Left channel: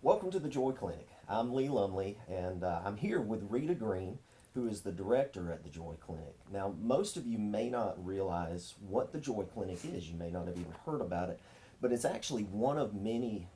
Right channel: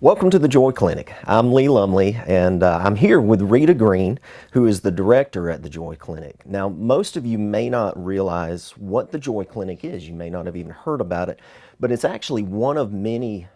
Welcome to the Joy Clinic. I'm Lee Lumley, and I'm here with Rita Green, who is the director at the Joy Clinic. Now, most of you may not realize what the Joy Clinic is. You may not have even heard about it, but it's actually one of many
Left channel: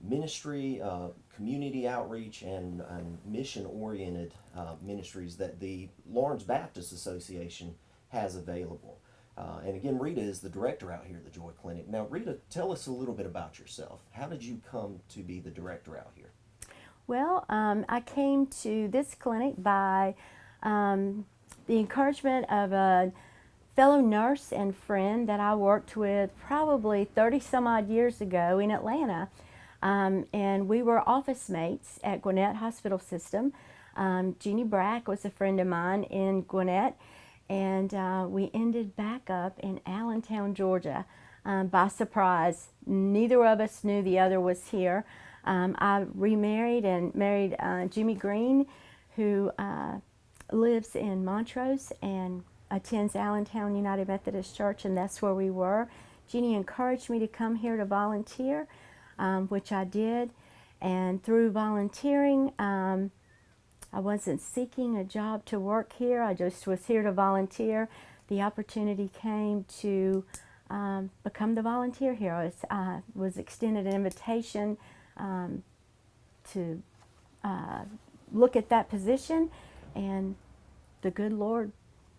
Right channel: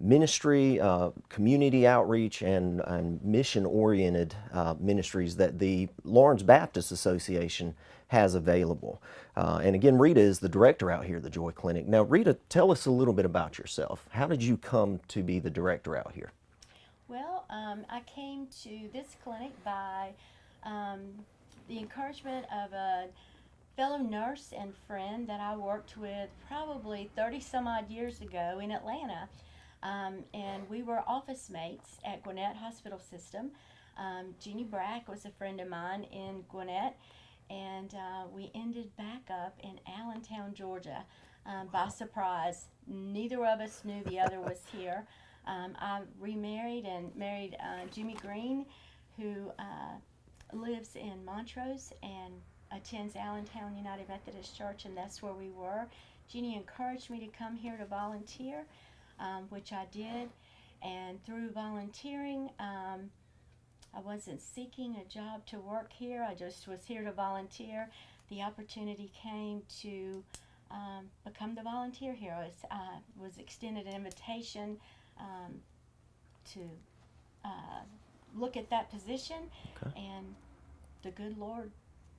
ministry, community outreach, and mission-oriented ministries that the Lawrence Baptist Association has available. And again, Rita is the director out here at the Joy Clinic. Now, Rita, tell us a little bit about yourself. How did you come to be the director out here? Well, I came to this clinic by the encouragement of a fellow nurse and friend that I worked with probably 30 some odd years ago in Atlanta. And we were office mates at Gwinnett Hospital System. Jeannie Brack was a friend of mine in Gwinnett, and we ended back up in Allentown, Georgia, by surprise. Neither of us knew the other was here. I remarried and married Jimmy Green, who lives in Montrose and attends Allentown United Methodist Church, and that's where we were. Jeannie encouraged me to come here to volunteer, which I did, and through volunteering, I wasn't seeking a job to work here. I just was here to volunteer. The opportunity came to become the volunteer here. I was extended an invitation to look at that position, and the good Lord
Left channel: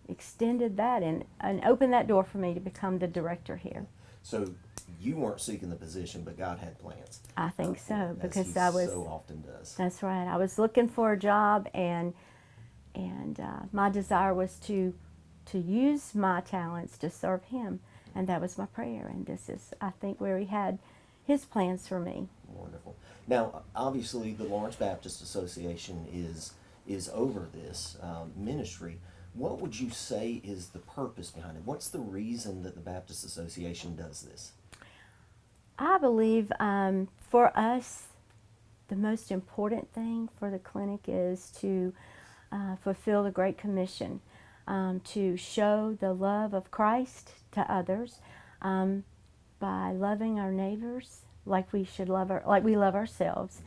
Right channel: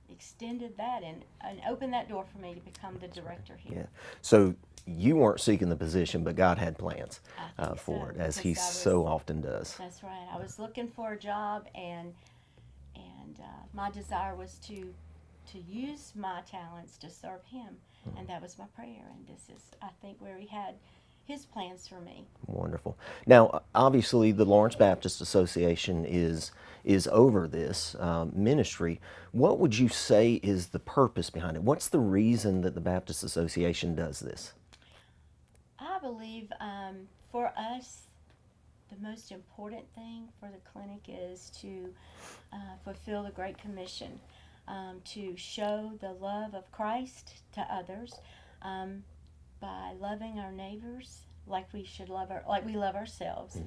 extended that and opened that door for me to become the director here. Yeah. So you weren't seeking the position, but God had plans I think for so, it, as because He so often does. That's right. I was looking for a job, and my desire was to use my talents to serve Him, and that was my prayer. And this is, I think, where He had His plans for me. Wonderful. Now, obviously, the Lawrence Baptist Association is over this ministry. What would you say is the purpose behind it? What's the reason that the Baptist Association does this? I believe for us, the most important thing for the clinic is to fulfill the Great Commission, to show the love of Christ to others by loving our neighbors like we should love like we love ourselves,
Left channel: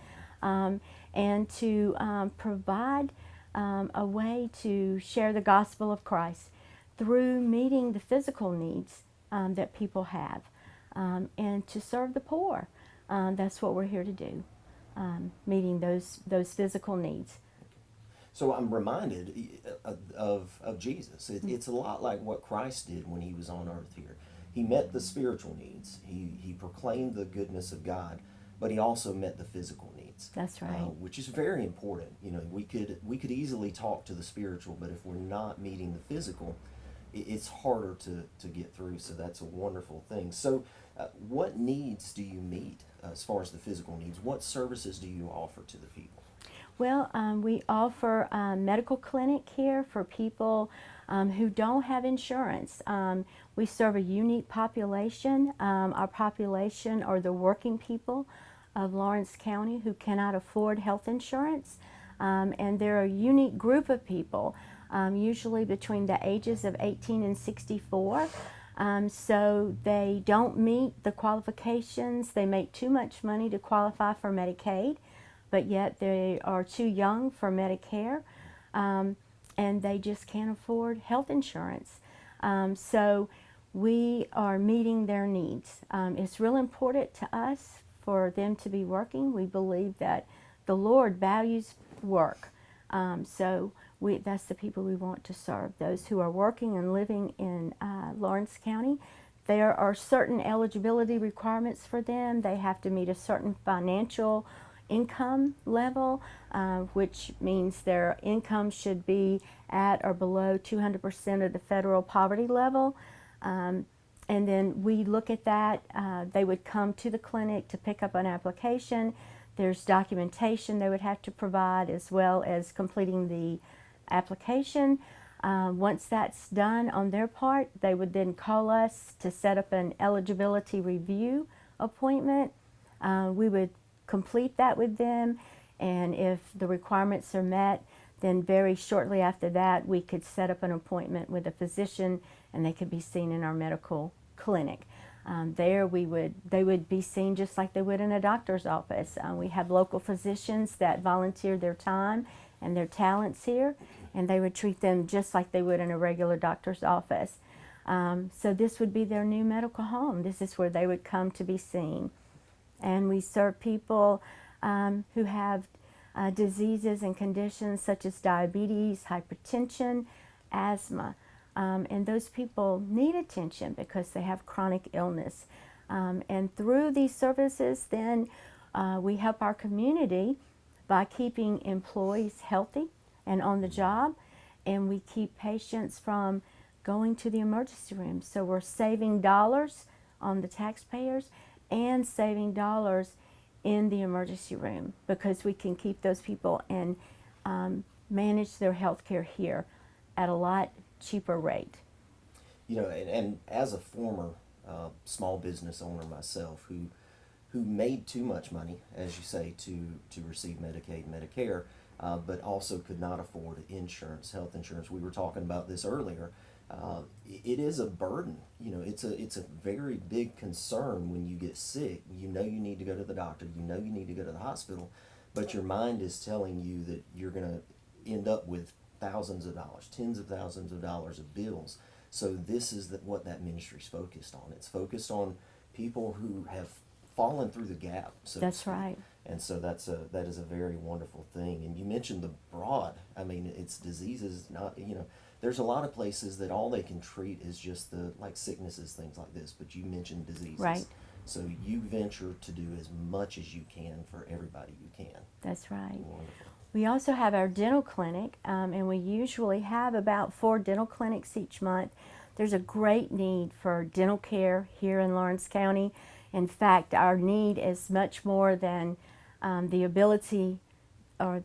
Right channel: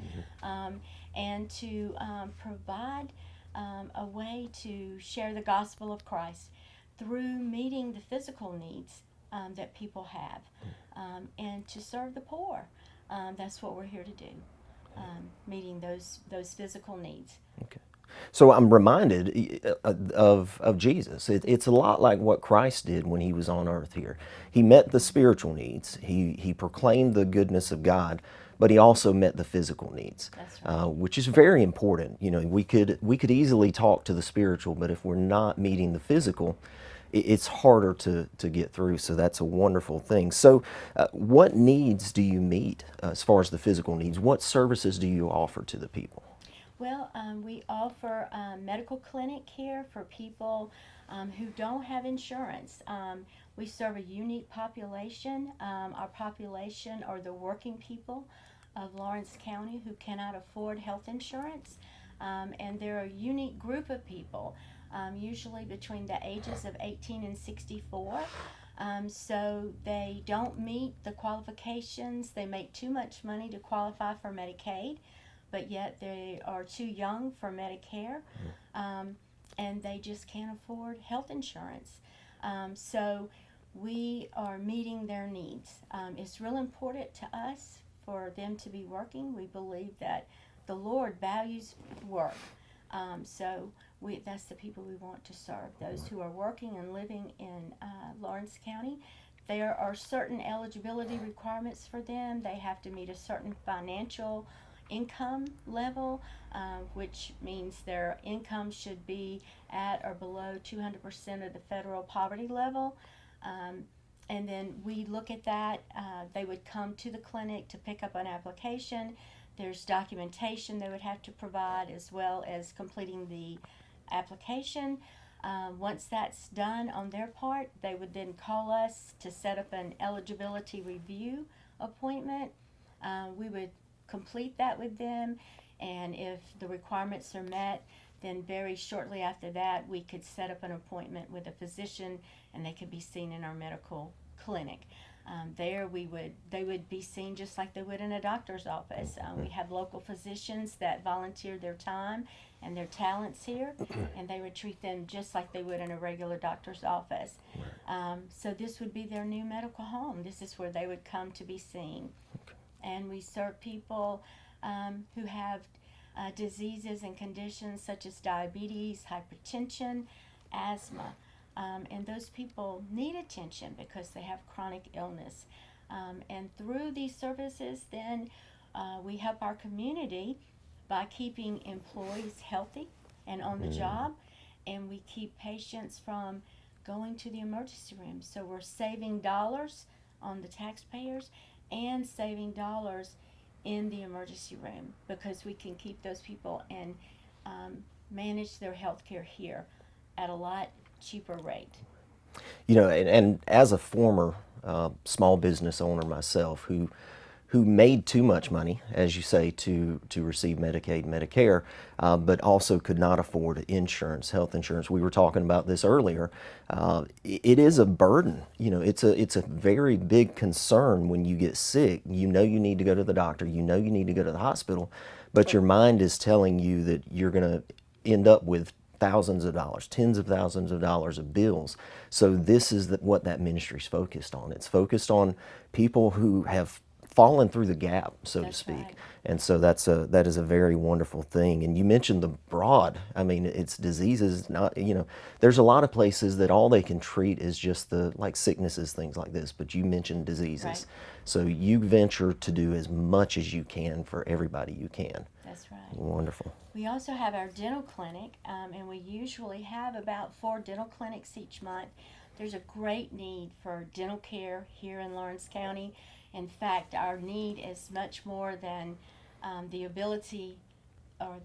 and to provide a way to share the gospel of Christ through meeting the physical needs that people have, and to serve the poor. That's what we're here to do, meeting those physical needs. Okay. So I'm reminded of Jesus. It's a lot like what Christ did when He was on earth here. He met the spiritual needs. He proclaimed the goodness of God, but He also met the physical needs. That's right. Which is very important. You know, we could easily talk to the spiritual, but if we're not meeting the physical, it's harder to get through. So that's a wonderful thing. So what needs do you meet as far as the physical needs? What services do you offer to the people? Well, we offer a medical clinic here for people who don't have insurance. We serve a unique population. Our population are the working people of Lawrence County who cannot afford health insurance. And they're a unique group of people, usually between the ages of 18 and 64. So they don't meet the qualifications. They make too much money to qualify for Medicaid, but yet they are too young for Medicare, and they just can't afford health insurance. So we are meeting their needs. It's real important to us for them to be working. We believe that the Lord values work. So that's the people we want to serve, those who are working and living in Lawrence County. There are certain eligibility requirements for them. They have to meet a certain financial income level, which means their income should be at or below 200% of the federal poverty level. And then we look at that. They would come to the clinic to pick up an application. There's documentation they would have to provide, as well as completing the application. Once that's done on their part, they would then call us to set up an eligibility review appointment. We would complete that with them, and if the requirements are met, then very shortly after that we could set up an appointment with a physician, and they could be seen in our medical clinic. There they would be seen just like they would in a doctor's office. We have local physicians that volunteer their time and their talents here, and they would treat them just like they would in a regular doctor's office. So this would be their new medical home. This is where they would come to be seen. And we serve people who have diseases and conditions such as diabetes, hypertension, asthma. And those people need attention because they have chronic illness. And through these services, then we help our community by keeping employees healthy and on the job, and we keep patients from going to the emergency room. So we're saving dollars on the taxpayers and saving dollars in the emergency room because we can keep those people and manage their health care here at a lot cheaper rate. You know, and as a former small business owner myself who made too much money, as you say, to receive Medicaid and Medicare, but also could not afford insurance, health insurance. We were talking about this earlier. It is a burden. You know, it's a very big concern when you get sick. You know you need to go to the doctor. You know you need to go to the hospital, but your mind is telling you that you're going to end up with thousands of dollars, tens of thousands of dollars of bills. So this is what that ministry's focused on. It's focused on people who have fallen through the gap, so to speak. Right. And so that is a very wonderful thing. And you mentioned the broad. I mean, it's diseases. Not, you know, there's a lot of places that all they can treat is just the like sicknesses, things like this. But you mentioned diseases. Right. So you venture to do as much as you can for everybody you can. That's right. Wonderful. We also have our dental clinic, and we usually have about 4 dental clinics each month. There's a great need for dental care here in Lawrence County. In fact, our need is much more than the ability or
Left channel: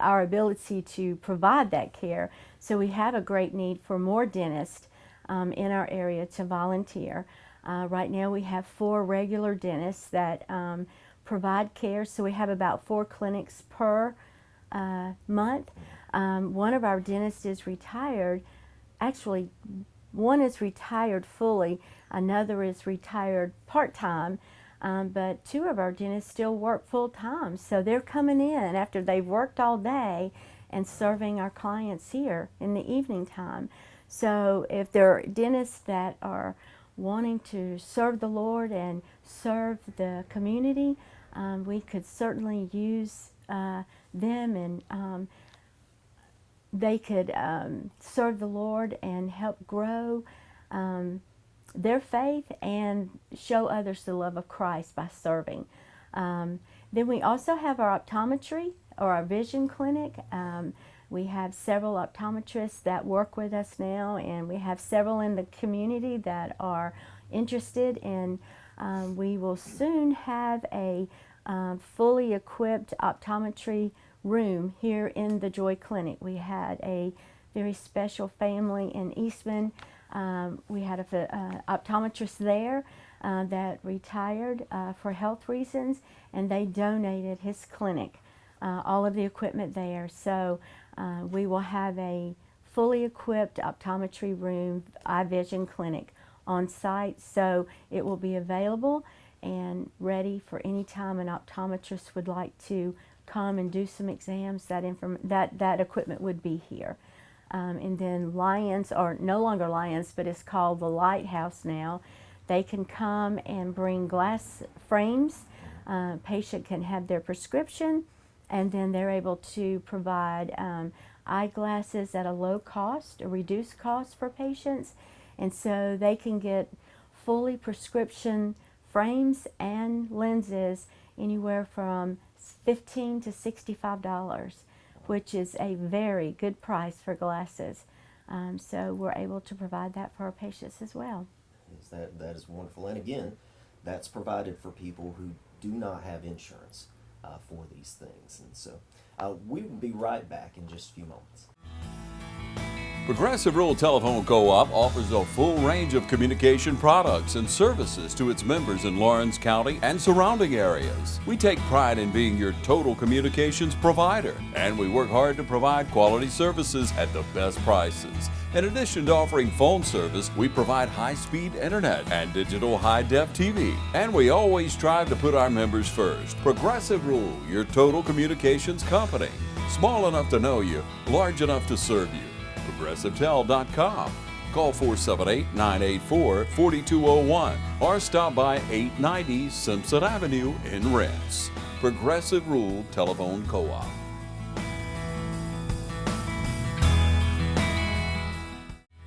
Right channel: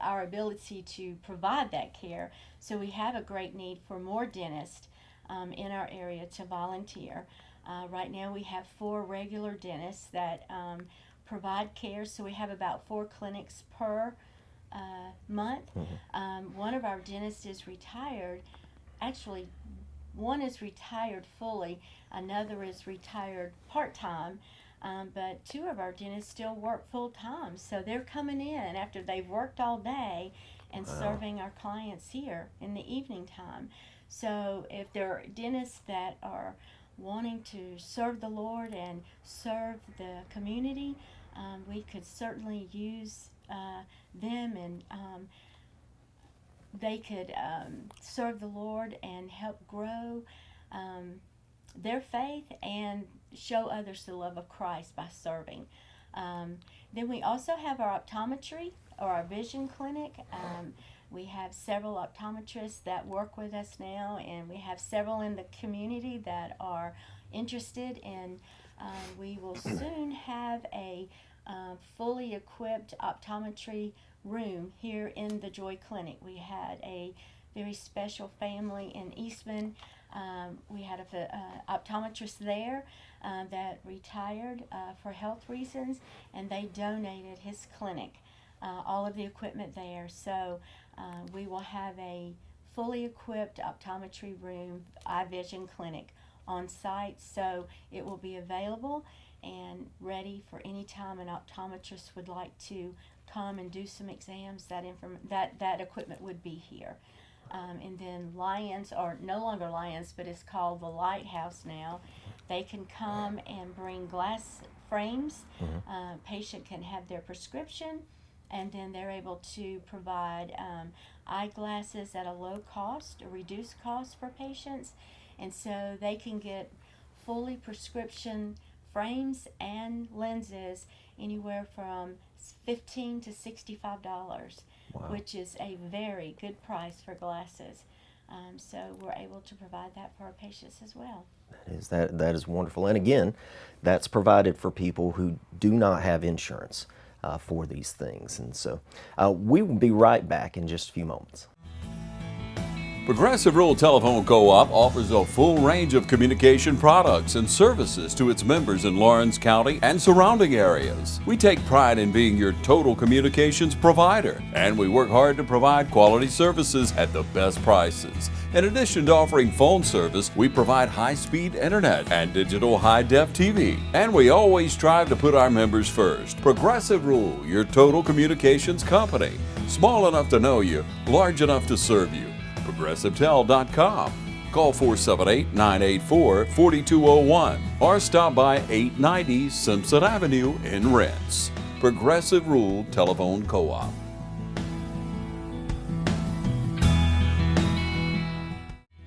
our ability to provide that care. So we have a great need for more dentists in our area to volunteer. Right now we have 4 regular dentists that provide care, so we have about 4 clinics per month. One of our dentists is retired. Actually, one is retired fully, another is retired part-time, but 2 of our dentists still work full-time. So they're coming in after they've worked all day and serving our clients here in the evening time. So if there are dentists that are wanting to serve the Lord and serve the community, we could certainly use them, and they could serve the Lord and help grow their faith and show others the love of Christ by serving. Then we also have our optometry or our vision clinic. We have several optometrists that work with us now, and we have several in the community that are interested in. We will soon have a fully equipped optometry room here in the Joy Clinic. We had a very special family in Eastman. We had an optometrist there that retired for health reasons, and they donated his clinic, all of the equipment there. So we will have a fully equipped optometry room, eye vision clinic on site. So it will be available and ready for any time an optometrist would like to come and do some exams. That equipment would be here. And then Lions, or no longer Lions, but it's called the Lighthouse now. They can come and bring glass frames. Patient can have their prescription, and then they're able to provide eyeglasses at a low cost, a reduced cost for patients. And so they can get fully prescription frames and lenses anywhere from $15 to $65, wow, which is a very good price for glasses. So we're able to provide that for our patients as well. That is wonderful. And again, that's provided for people who do not have insurance for these things. And so we will be right back in just a few moments. Progressive Rural Telephone Co-op offers a full range of communication products and services to its members in Lawrence County and surrounding areas. We take pride in being your total communications provider, and we work hard to provide quality services at the best prices. In addition to offering phone service, we provide high-speed internet and digital high-def TV. And we always strive to put our members first. Progressive Rural, your total communications company. Small enough to know you, large enough to serve you. ProgressiveTel.com. Call 478-984-4201 or stop by 890 Simpson Avenue in Rents. Progressive Rural Telephone Co-op.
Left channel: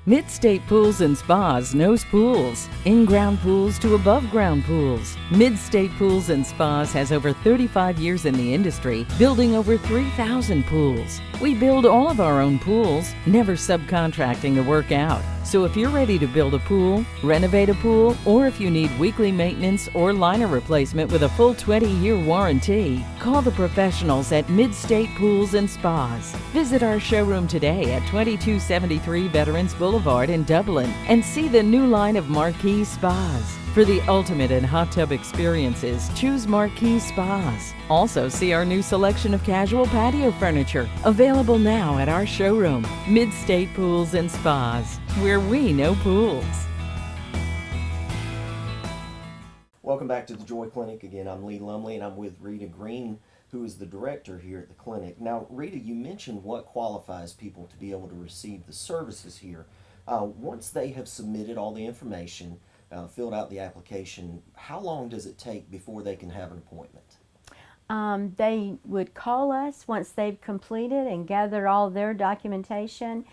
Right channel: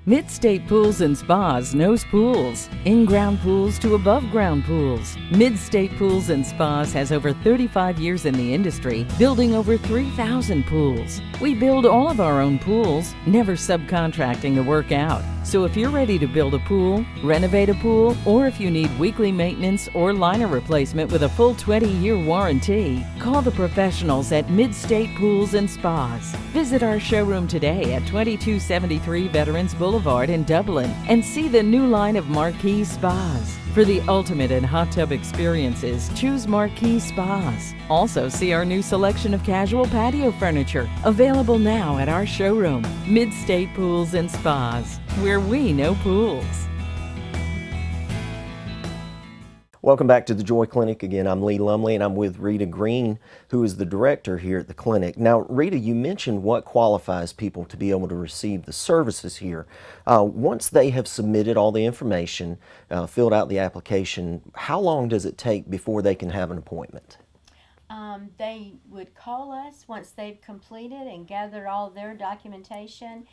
Mid-State Pools and Spas knows pools, in-ground pools to above-ground pools. Mid-State Pools and Spas has over 35 years in the industry, building over 3,000 pools. We build all of our own pools, never subcontracting the work out. So if you're ready to build a pool, renovate a pool, or if you need weekly maintenance or liner replacement with a full 20-year warranty, call the professionals at Mid-State Pools and Spas. Visit our showroom today at 2273 Veterans Boulevard in Dublin and see the new line of Marquee Spas. For the ultimate in hot tub experiences, choose Marquee Spas. Also see our new selection of casual patio furniture, available now at our showroom, Mid-State Pools and Spas, where we know pools. Welcome back to the Joy Clinic. Again, I'm Lee Lumley, and I'm with Rita Green, who is the director here at the clinic. Now, Rita, you mentioned what qualifies people to be able to receive the services here. Once they have submitted all the information, filled out the application, how long does it take before they can have an appointment? They would call us once they've completed and gathered all their documentation,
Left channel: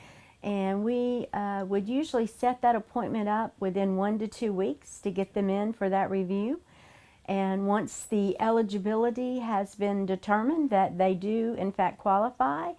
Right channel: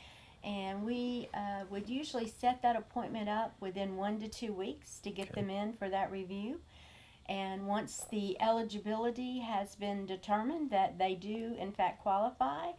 and we would usually set that appointment up within 1 to 2 weeks to get them in for that review. And once the eligibility has been determined that they do in fact qualify,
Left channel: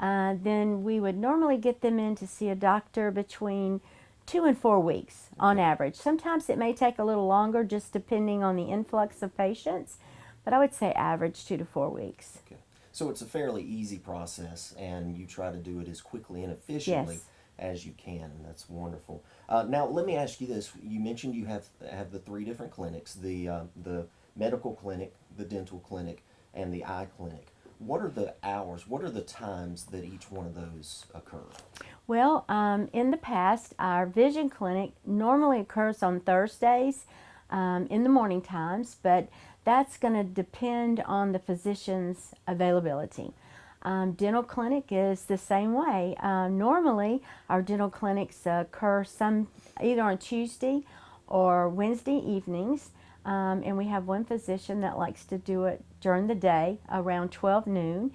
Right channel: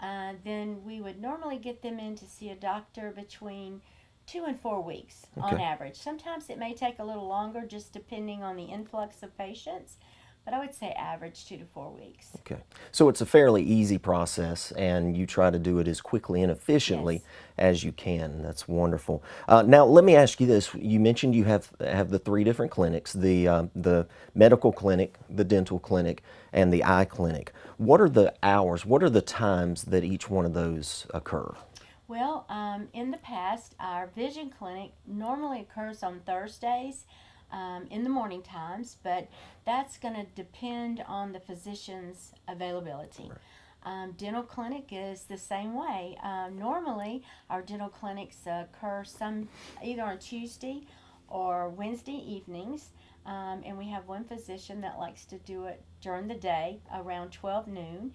then we would normally get them in to see a doctor between 2 and 4 weeks on average. Sometimes it may take a little longer, just depending on the influx of patients, but I would say average 2 to 4 weeks. Okay. So it's a fairly easy process, and you try to do it as quickly and efficiently as you can. That's wonderful. Now, let me ask you this. You mentioned you have the 3 different clinics, the medical clinic, the dental clinic, and the eye clinic. What are the hours, what are the times that each one of those occur? Well, in the past, our vision clinic normally occurs on Thursdays in the morning times, but that's going to depend on the physician's availability. Dental clinic is the same way. Normally, our dental clinics occur either on Tuesday or Wednesday evenings, and we have one physician that likes to do it during the day around 12 noon.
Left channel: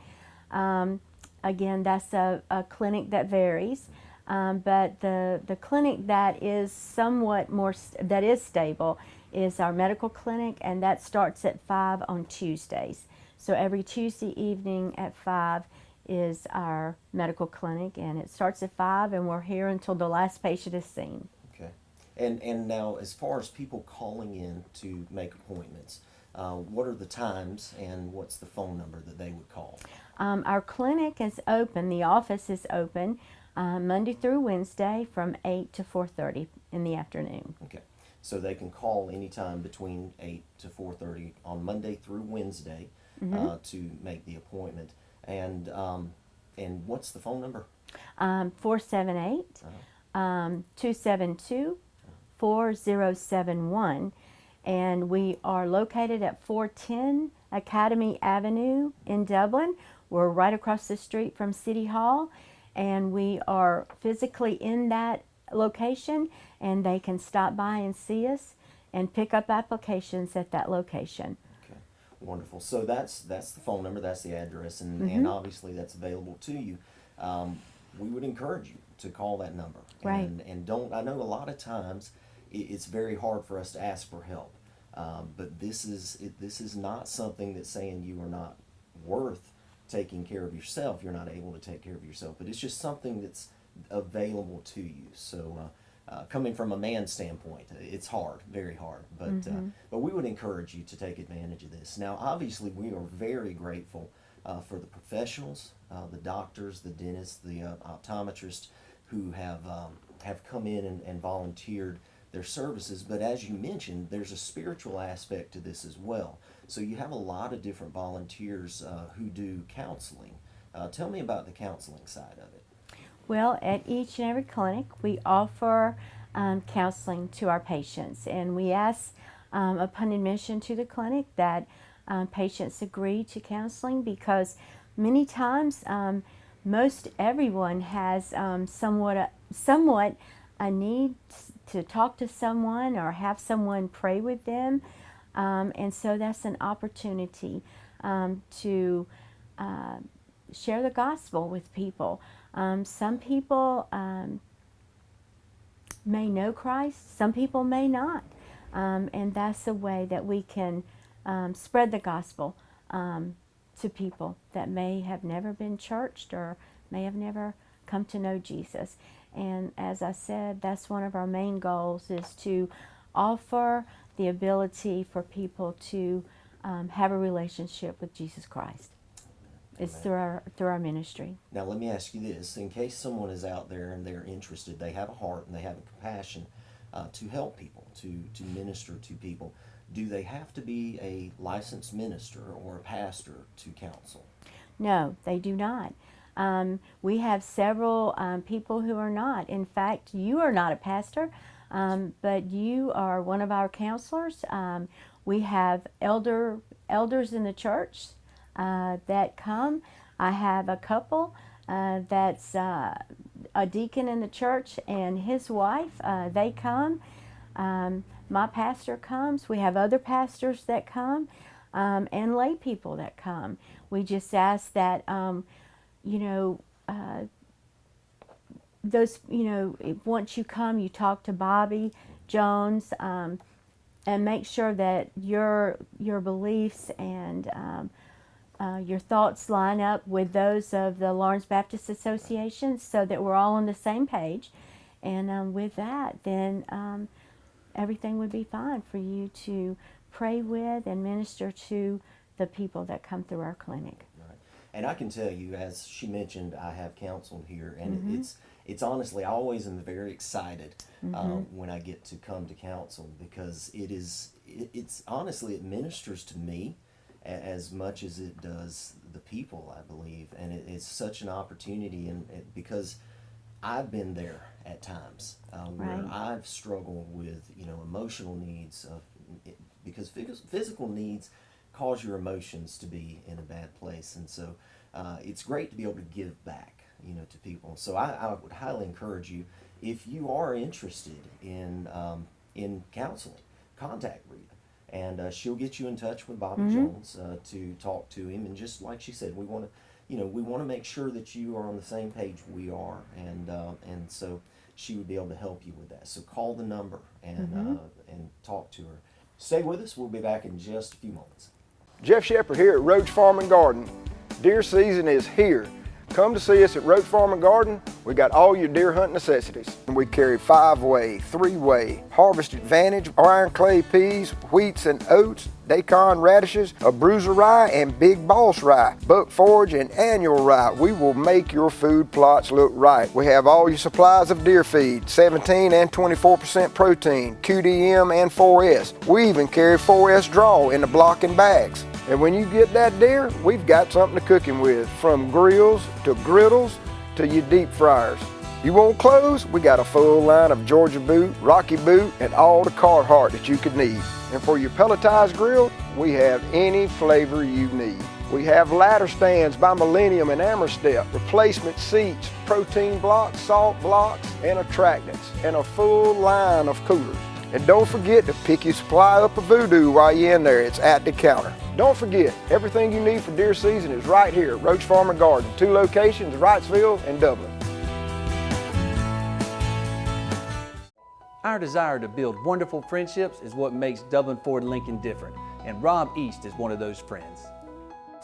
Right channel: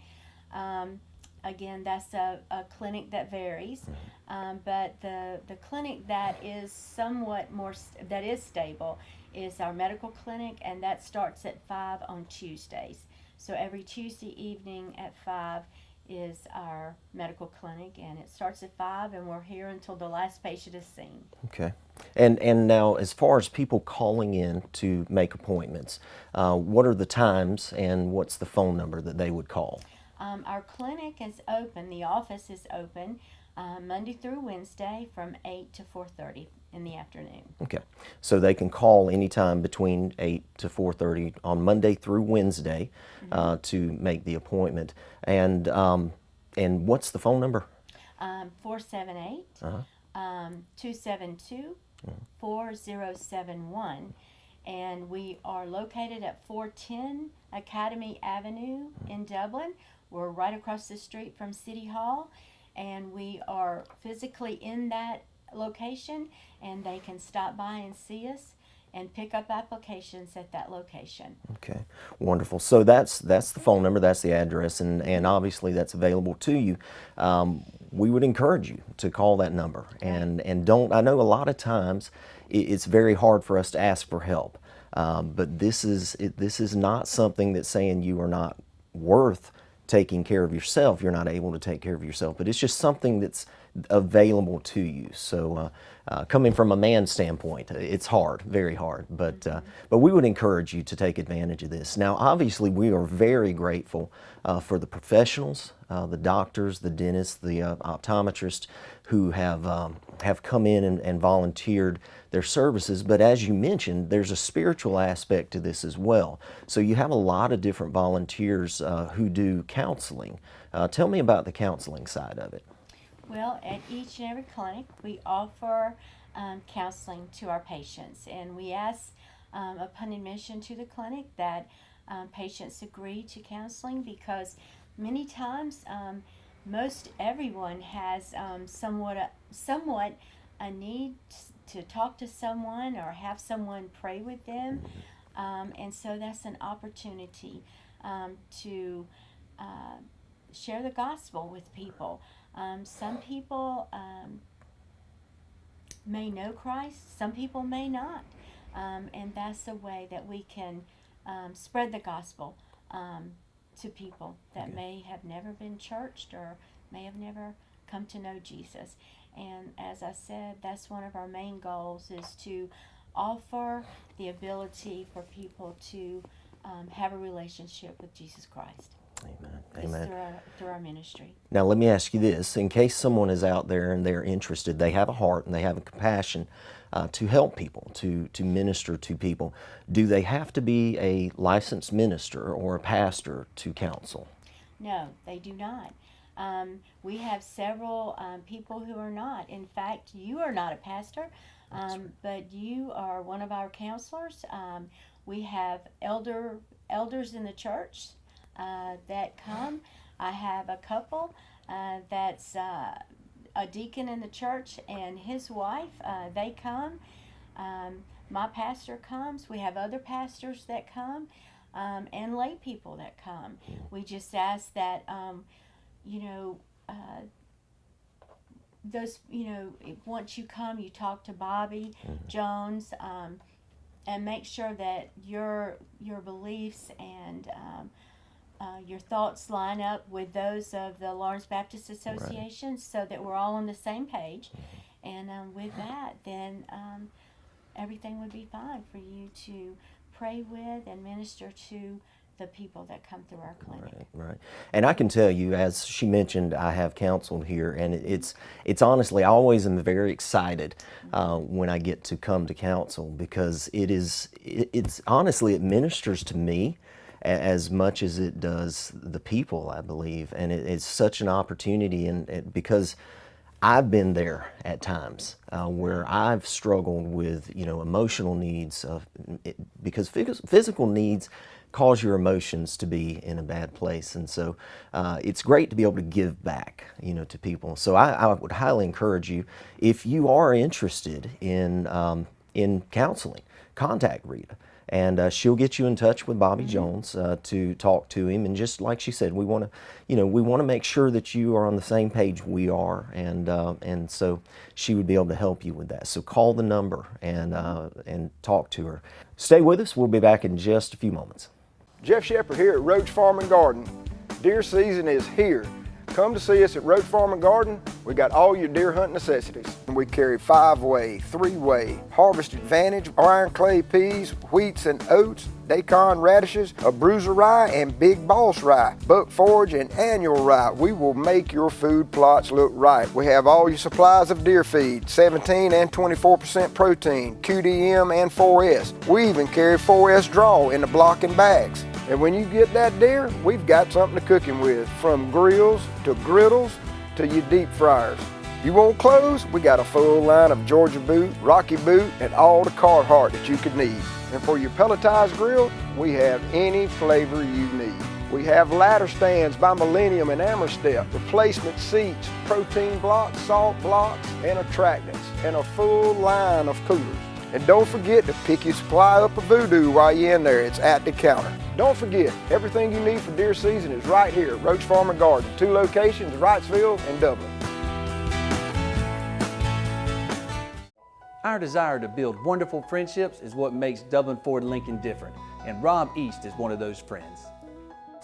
Again, that's a clinic that varies, but the clinic that is somewhat more that is stable is our medical clinic, and that starts at 5 on Tuesdays. So every Tuesday evening at 5 is our medical clinic, and it starts at 5, and we're here until the last patient is seen. Okay. And now, as far as people calling in to make appointments, what are the times and what's the phone number that they would call? Our clinic is open, the office is open Monday through Wednesday from 8 to 4:30 in the afternoon. Okay. So they can call anytime between 8 to 4:30 on Monday through Wednesday to make the appointment. And what's the phone number? 478-272-4071. And we are located at 410 Academy Avenue in Dublin. We're right across the street from City Hall, and we are physically in that location, and they can stop by and see us and pick up applications at that location. Okay, wonderful. So that's the phone number, that's the address, and obviously that's available to you. We would encourage you to call that number, and don't. I know a lot of times it's very hard for us to ask for help, but this is not something that's saying you are not worth taking care of yourself, you're not able to take care of yourself, but it's just something that's available to you. So coming from a man's standpoint, it's hard, very hard, but we would encourage you to take advantage of this. Now, obviously, we are very grateful for the professionals, the doctors, the dentists, the optometrists who have come in and volunteered their services. But as you mentioned, there's a spiritual aspect to this as well. So you have a lot of different volunteers who do counseling. Tell me about the counseling side of it. Well, at each and every clinic, we offer counseling to our patients, and we ask upon admission to the clinic that patients agree to counseling, because many times most everyone has somewhat a need to talk to someone or have someone pray with them, and so that's an opportunity to share the gospel with people. Some people may know Christ, some people may not, and that's a way that we can spread the gospel to people that may have never been churched or may have never come to know Jesus. And as I said, that's one of our main goals, is to offer the ability for people to have a relationship with Jesus Christ. Amen. It's through our ministry. Now, let me ask you this. In case someone is out there and they're interested, they have a heart and they have a compassion to help people, to minister to people, do they have to be a licensed minister or a pastor to counsel? No, they do not. We have several people who are not. In fact, you are not a pastor, but you are one of our counselors. We have elders in the church that come. I have a couple that's a deacon in the church and his wife. They come. My pastor comes. We have other pastors that come, and lay people that come. We just ask that once you come, you talk to Bobby Jones, and make sure that your beliefs and your thoughts line up with those of the Lawrence Baptist Association, right, so that we're all on the same page. And with that, then everything would be fine for you to pray with and minister to the people that come through our clinic. Right. And I can tell you, as she mentioned, I have counseled here, and it's honestly, I always am very excited when I get to come to counsel, because it's honestly, it ministers to me as much as it does the people, I believe, and it's such an opportunity, and because I've been there at times where Right. I've struggled with emotional needs, because physical needs cause your emotions to be in a bad place, and so it's great to be able to give back to people. So I would highly encourage you, if you are interested in counseling, contact Rita, and she'll get you in touch with Bobby Jones to talk to him. And just like she said, we want to make sure that you are on the same page we are, and so she would be able to help you with that. So call the number and talk to her. Stay with us. We'll be back in just a few moments. Jeff Shepard here at Roach Farm and Garden. Deer season is here. Come to see us at Roach Farm and Garden. We got all your deer hunt necessities. We carry 5-way, 3-way, Harvest Advantage, iron clay peas, wheats and oats, daikon radishes, a bruiser rye, and big boss rye, buck forage and annual rye. We will make your food plots look right. We have all your supplies of deer feed, 17 and 24% protein, QDM and 4S. We even carry 4S draw in the block and bags. And when you get that deer, we've got something to cook him with, from grills to griddles to your deep fryers. You want clothes? We got a full line of Georgia boot, Rocky boot, and all the Carhartt that you could need. And for your pelletized grill, we have any flavor you need. We have ladder stands by Millennium and Amerstep, replacement seats, protein blocks, salt blocks, and attractants, and a full line of coolers. And don't forget to pick your supply up of Voodoo while you're in there. It's at the counter. Don't forget, everything you need for deer season is right here at Roach Farm and Garden. 2 locations, Wrightsville and Dublin. Our desire to build wonderful friendships is what makes Dublin Ford Lincoln different, and Rob East is one of those friends.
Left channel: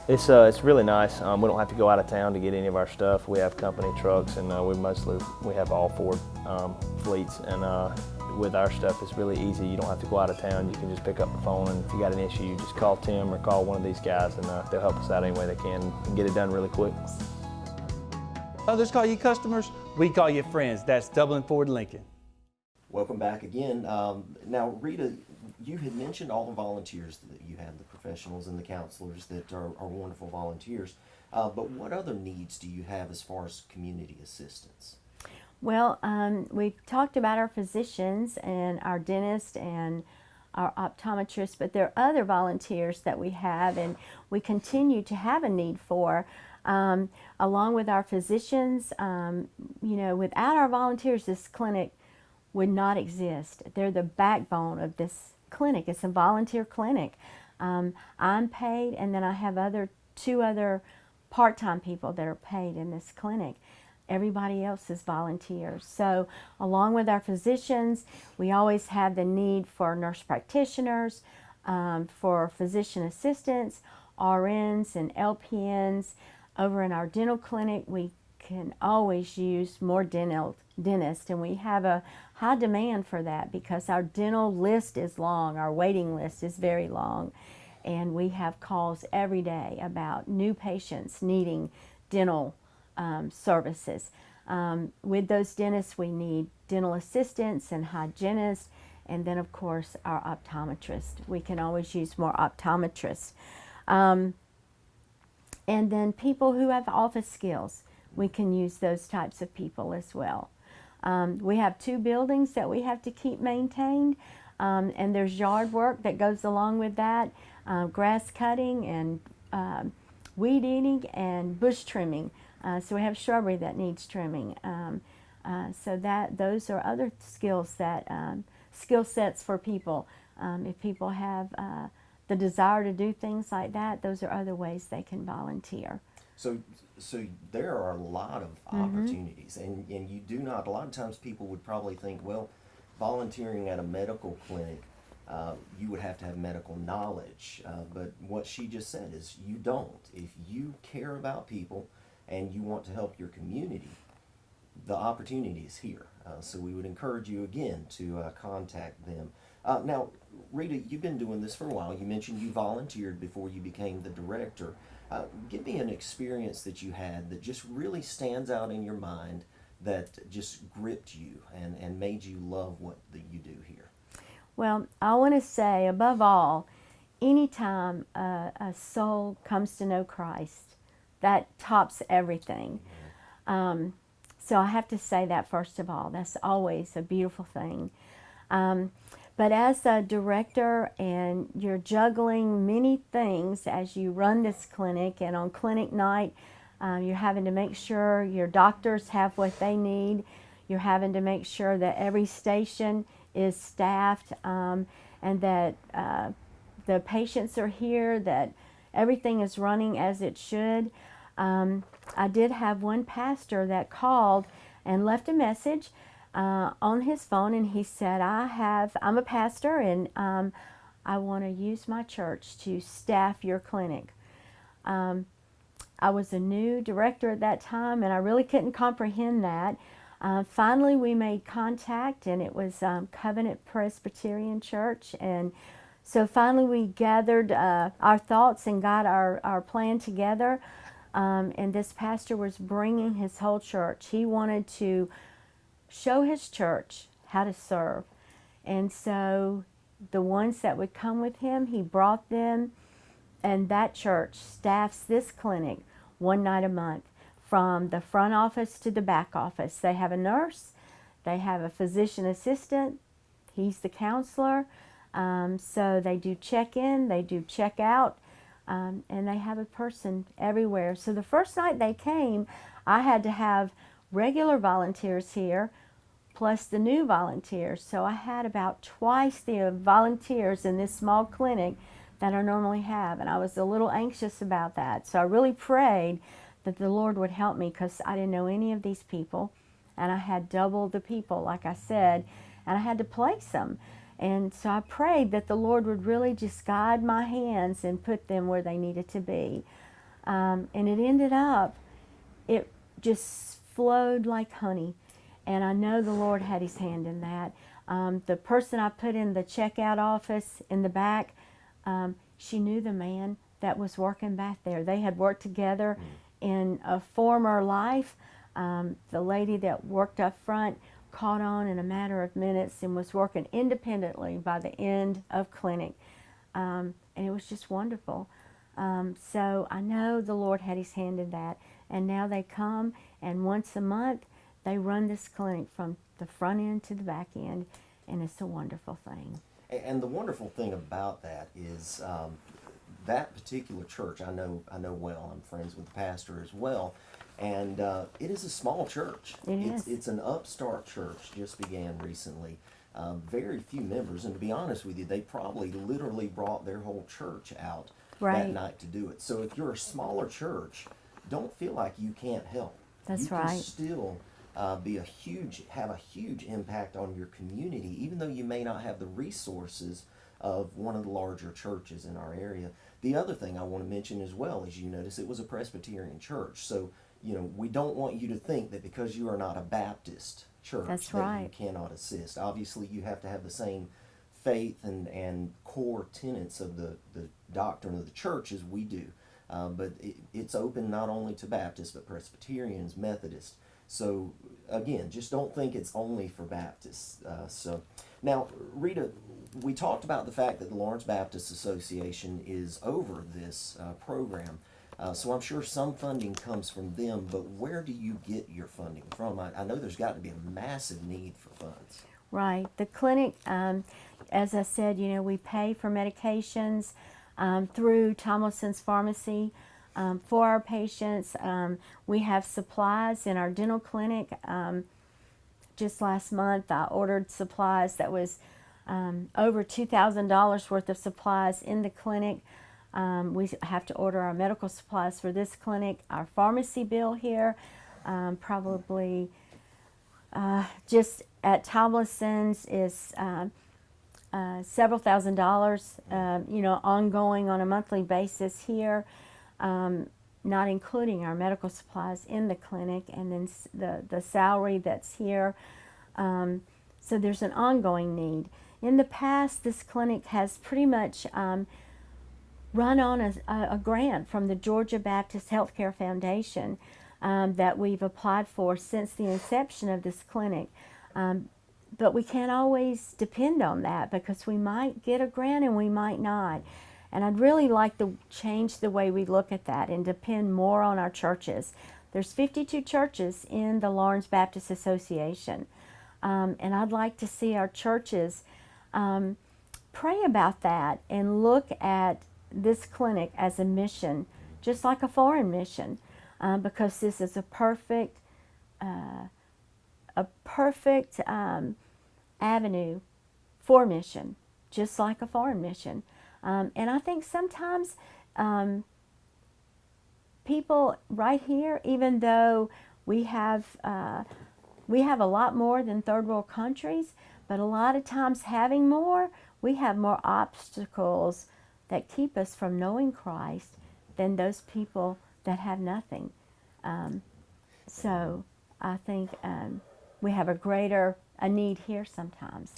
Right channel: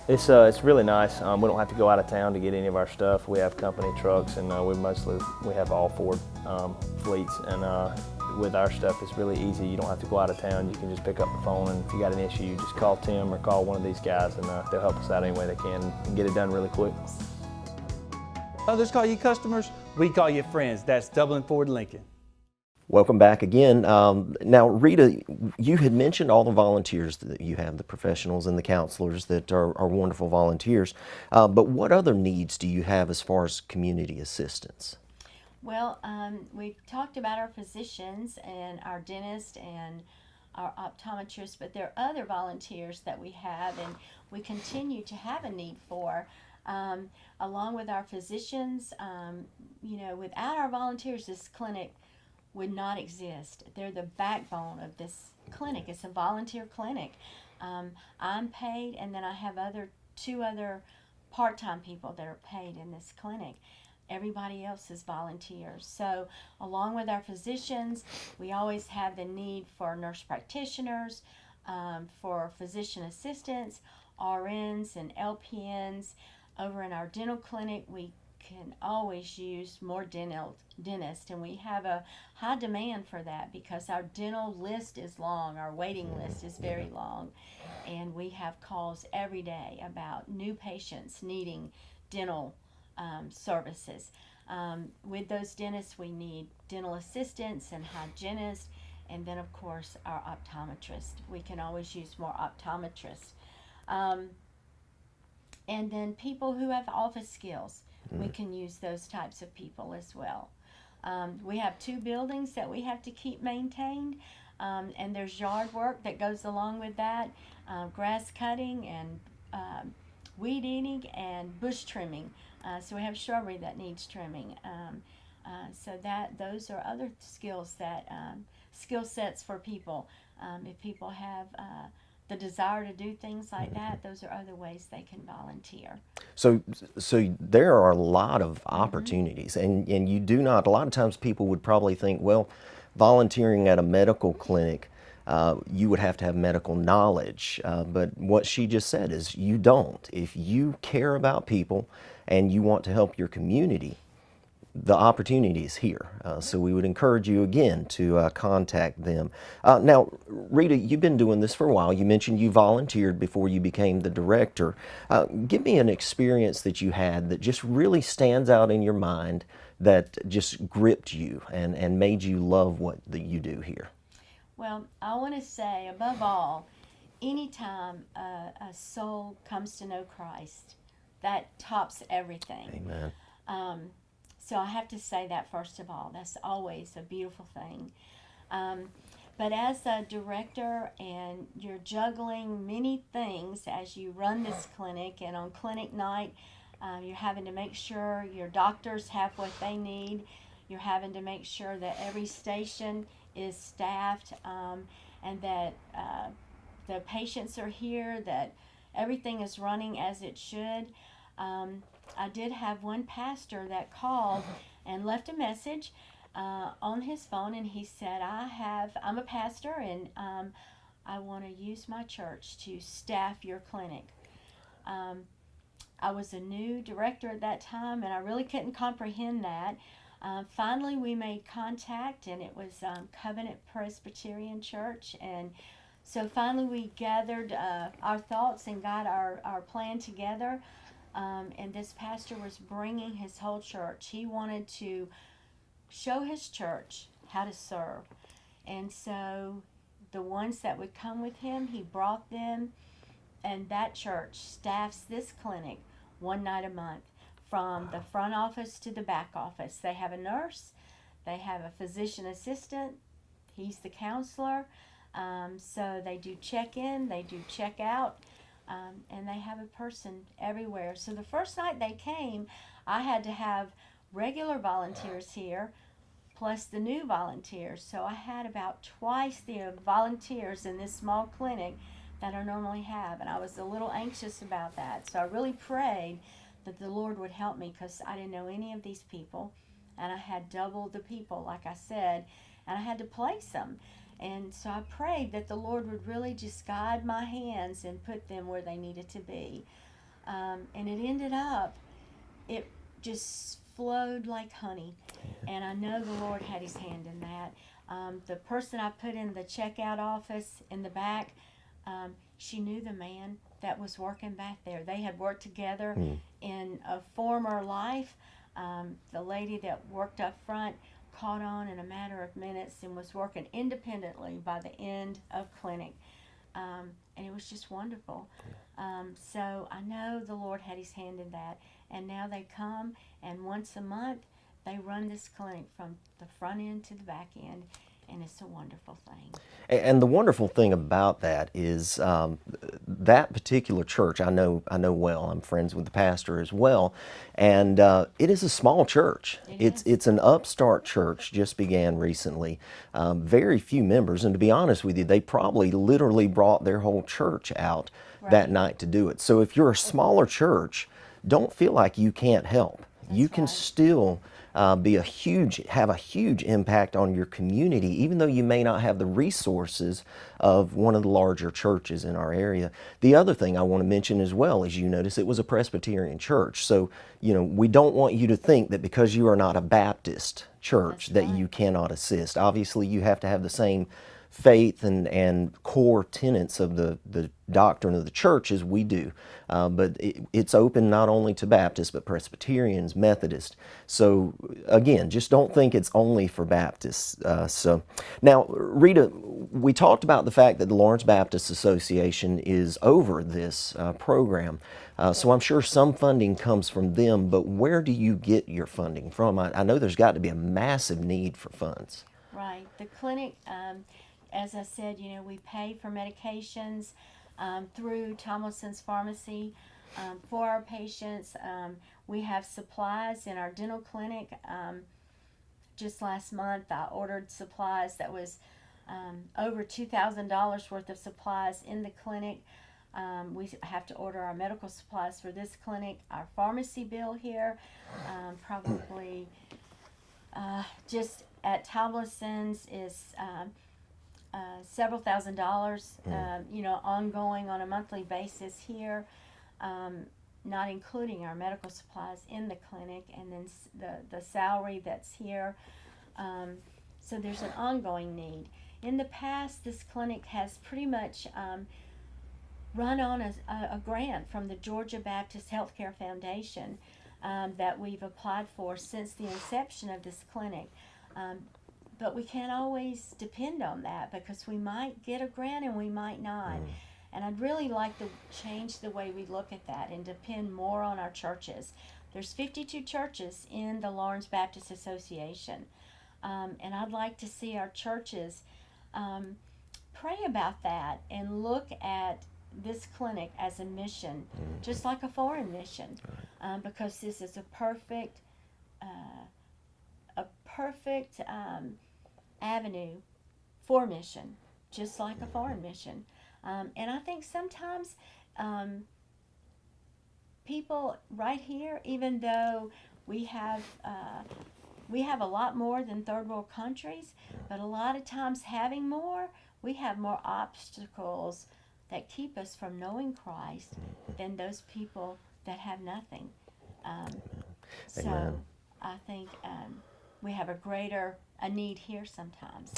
It's really nice. We don't have to go out of town to get any of our stuff. We have company trucks, and we have all Ford fleets. And with our stuff, it's really easy. You don't have to go out of town. You can just pick up the phone, and if you got an issue, you just call Tim or call one of these guys, and they'll help us out any way they can and get it done really quick. Others call you customers, we call you friends. That's Dublin Ford Lincoln. Welcome back again. Now, Rita, you had mentioned all the volunteers that you have, the professionals and the counselors that are wonderful volunteers. But what other needs do you have as far as community assistance? Well, we talked about our physicians and our dentist and our optometrist, but there are other volunteers that we have and we continue to have a need for. Along with our physicians, without our volunteers, this clinic would not exist. They're the backbone of this clinic. It's a volunteer clinic. I'm paid, and then I have two other part-time people that are paid in this clinic. Everybody else is volunteers. So along with our physicians, we always have the need for nurse practitioners, for physician assistants, RNs and LPNs. Over in our dental clinic, we can always use more dentists, and we have a high demand for that because our dental list is long, our waiting list is very long, and we have calls every day about new patients needing dental services. With those dentists, we need dental assistants and hygienists, and then of course our optometrist. We can always use more optometrists. And then people who have office skills, we can use those types of people as well. We have 2 buildings that we have to keep maintained, and there's yard work that goes along with that, grass cutting and weed eating and bush trimming. So we have shrubbery that needs trimming. Those are other skill sets for people. If people have the desire to do things like that, those are other ways they can volunteer. So there are a lot of opportunities, and you do not, a lot of times people would probably think, well, volunteering at a medical clinic, you would have to have medical knowledge, but what she just said is you don't. If you care about people and you want to help your community, the opportunity is here. So we would encourage you again to contact them. Now, Rita, you've been doing this for a while. You mentioned you volunteered before you became the director. Give me an experience that you had that just really stands out in your mind, that just gripped you and made you love what you do here. Well, I want to say, above all, anytime a soul comes to know Christ, that tops everything. Amen. So I have to say that first of all. That's always a beautiful thing. But as a director, and you're juggling many things as you run this clinic, and on clinic night, you're having to make sure your doctors have what they need. You're having to make sure that every station is staffed, and that the patients are here, that everything is running as it should. I did have one pastor that called and left a message on his phone, and he said, I'm a pastor, and I want to use my church to staff your clinic. I was a new director at that time, and I really couldn't comprehend that. Finally, we made contact, and it was Covenant Presbyterian Church, and so finally we gathered our thoughts and got our plan together. And this pastor was bringing his whole church. He wanted to show his church how to serve. And so the ones that would come with him, he brought them, and that church staffs this clinic one night a month, from the front office to the back office. They have a nurse, they have a physician assistant, he's the counselor, so they do check-in, they do check-out, and they have a person everywhere. So the first night they came, I had to have regular volunteers here, plus the new volunteers. So I had about twice the volunteers in this small clinic that I normally have, and I was a little anxious about that. So I really prayed that the Lord would help me, because I didn't know any of these people, and I had double the people, like I said, and I had to place them. And so I prayed that the Lord would really just guide my hands and put them where they needed to be. And it ended up, it just flowed like honey. And I know the Lord had his hand in that. The person I put in the checkout office in the back, she knew the man that was working back there. They had worked together in a former life. The lady that worked up front caught on in a matter of minutes and was working independently by the end of clinic. And it was just wonderful. So I know the Lord had his hand in that. And now they come, and once a month they run this clinic from the front end to the back end, and it's a wonderful thing. And the wonderful thing about that is that particular church I know well. I'm friends with the pastor as well, and it is a small church. It's an upstart church, just began recently. Very few members, and to be honest with you, they probably literally brought their whole church out that night to do it. So if you're a smaller church, don't feel like you can't help. You can still have a huge impact on your community, even though you may not have the resources of one of the larger churches in our area. The other thing I want to mention as well is, you notice it was a Presbyterian church. So, we don't want you to think that because you are not a Baptist church that you cannot assist. Obviously, you have to have the same faith and core tenets of the doctrine of the church as we do. But it's open not only to Baptists, but Presbyterians, Methodists. So again, just don't think it's only for Baptists. So now, Rita, we talked about the fact that the Lawrence Baptist Association is over this program. So I'm sure some funding comes from them, but where do you get your funding from? I know there's got to be a massive need for funds. Right. The clinic, as I said, we pay for medications through Tomlinson's Pharmacy for our patients. We have supplies in our dental clinic. Just last month, I ordered supplies that was over $2,000 worth of supplies in the clinic. We have to order our medical supplies for this clinic. Our pharmacy bill here, probably just at Tomlinson's is several $1,000s, ongoing on a monthly basis here, not including our medical supplies in the clinic, and then the salary that's here. So there's an ongoing need. In the past, this clinic has pretty much run on a grant from the Georgia Baptist Healthcare Foundation that we've applied for since the inception of this clinic. But we can't always depend on that, because we might get a grant and we might not. And I'd really like to change the way we look at that and depend more on our churches. There's 52 churches in the Lawrence Baptist Association. And I'd like to see our churches pray about that and look at this clinic as a mission, just like a foreign mission, because this is a perfect avenue for mission, just like a foreign mission. And I think sometimes people right here, even though we have a lot more than third world countries, but a lot of times having more, we have more obstacles that keep us from knowing Christ than those people that have nothing. So I think we have a need here sometimes.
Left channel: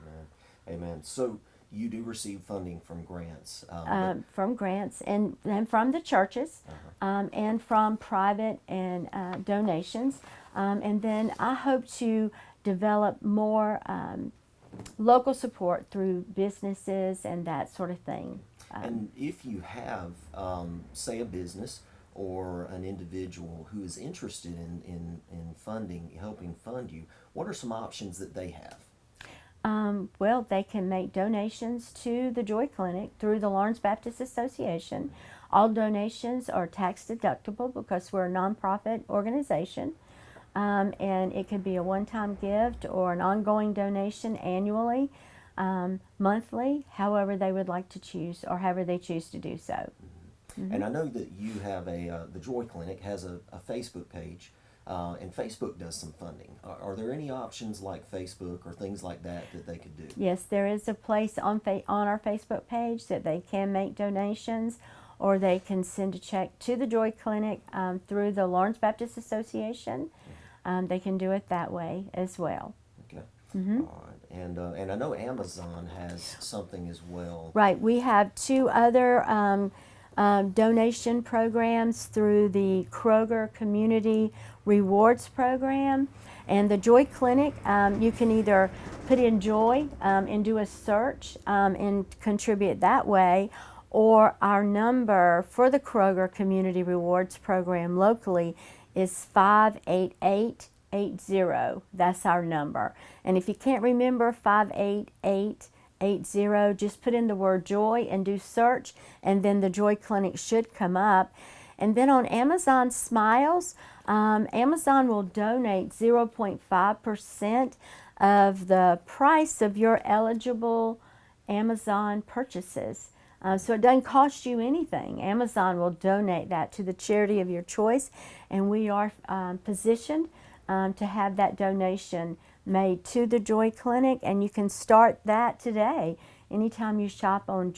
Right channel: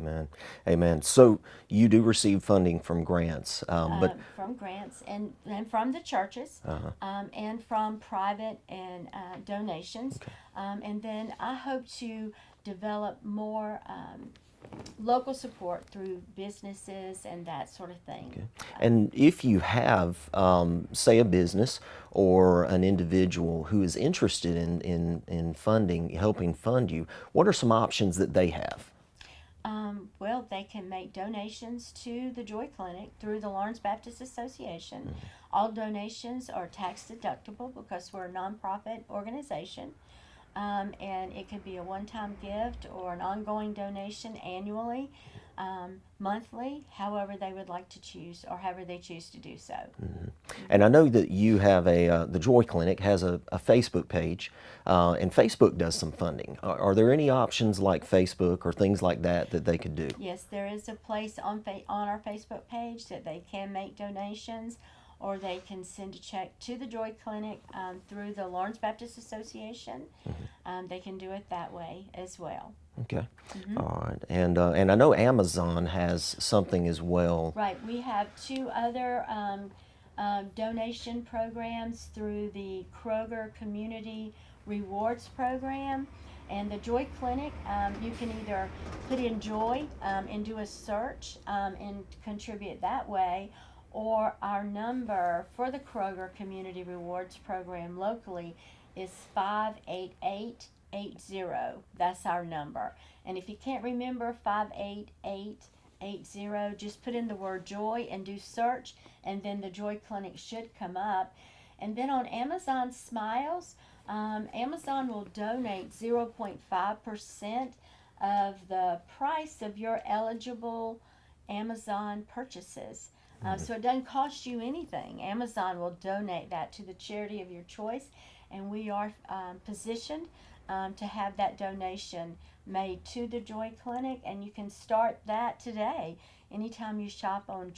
Amen. Amen. So you do receive funding from grants, from grants and from the churches, and from private and donations, and then I hope to develop more local support through businesses and that sort of thing. And if you have, say, a business or an individual who is interested in funding, helping fund you, what are some options that they have? Well, they can make donations to the Joy Clinic through the Lawrence Baptist Association. All donations are tax deductible because we're a nonprofit organization. And it could be a one-time gift or an ongoing donation annually, monthly, however they would like to choose, or however they choose to do so. And I know that you have the Joy Clinic has a Facebook page, and Facebook does some funding. Are there any options like Facebook or things like that they could do? Yes, there is a place on our Facebook page that they can make donations, or they can send a check to the Joy Clinic through the Lawrence Baptist Association. They can do it that way as well. Okay. All right. And I know Amazon has something as well. Right. We have 2 other donation programs through the Kroger Community Rewards Program. And the Joy Clinic, you can either put in Joy and do a search and contribute that way, or our number for the Kroger Community Rewards Program locally is 58880. That's our number. And if you can't remember 58880, just put in the word Joy and do search, and then the Joy Clinic should come up. And then on Amazon Smiles, Amazon will donate 0.5% of the price of your eligible Amazon purchases. So it doesn't cost you anything. Amazon will donate that to the charity of your choice, and we are positioned to have that donation made to the Joy Clinic, and you can start that today anytime you shop on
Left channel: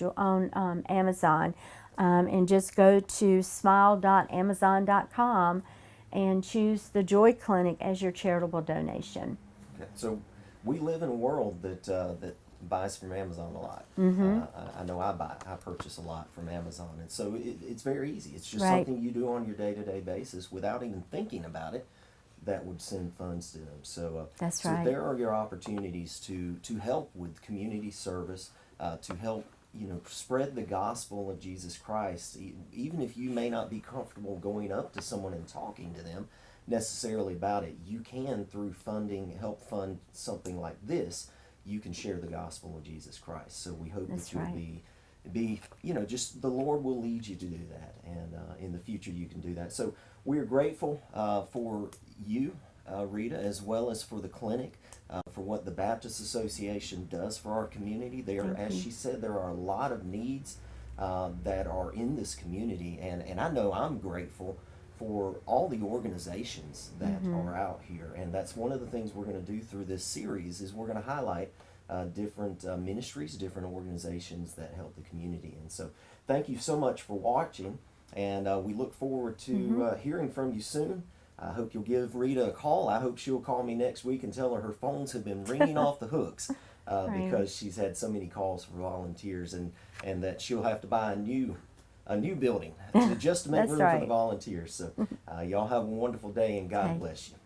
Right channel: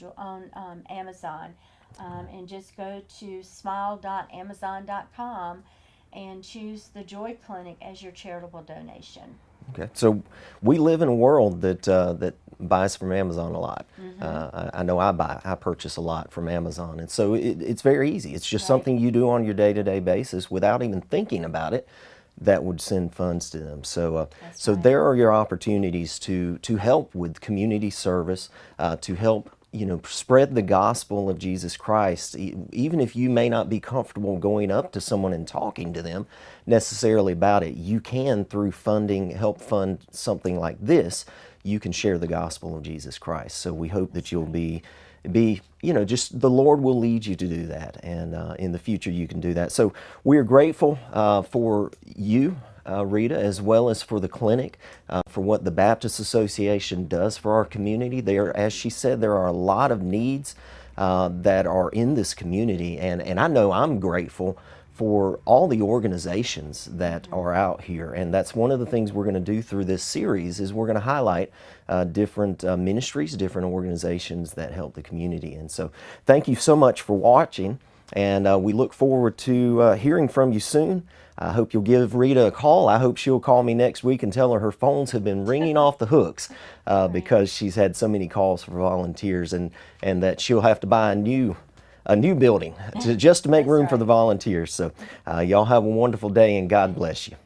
Amazon. And just go to smile.amazon.com and choose the Joy Clinic as your charitable donation. Okay. So we live in a world that buys from Amazon a lot. I know I purchase a lot from Amazon, and so it's very easy. It's just something you do on your day-to-day basis without even thinking about it. That would send funds to them. So, so there are your opportunities to help with community service, to help spread the gospel of Jesus Christ. Even if you may not be comfortable going up to someone and talking to them necessarily about it, you can, through funding, help fund something like this. You can share the gospel of Jesus Christ. So we hope that you'll be just the Lord will lead you to do that, and in the future you can do that. So we're grateful for you, Rita, as well as for the clinic, for what the Baptist Association does for our community. There, as she said, there are a lot of needs that are in this community, and I know I'm grateful for all the organizations that are out here, and that's one of the things we're going to do through this series is we're going to highlight different ministries, different organizations that help the community. And so thank you so much for watching, and we look forward to hearing from you soon. I hope you'll give Rita a call. I hope she'll call me next week and tell her phones have been ringing off the hooks because she's had so many calls for volunteers, and that she'll have to buy a new building just to make room for the volunteers. So y'all have a wonderful day, and God bless you.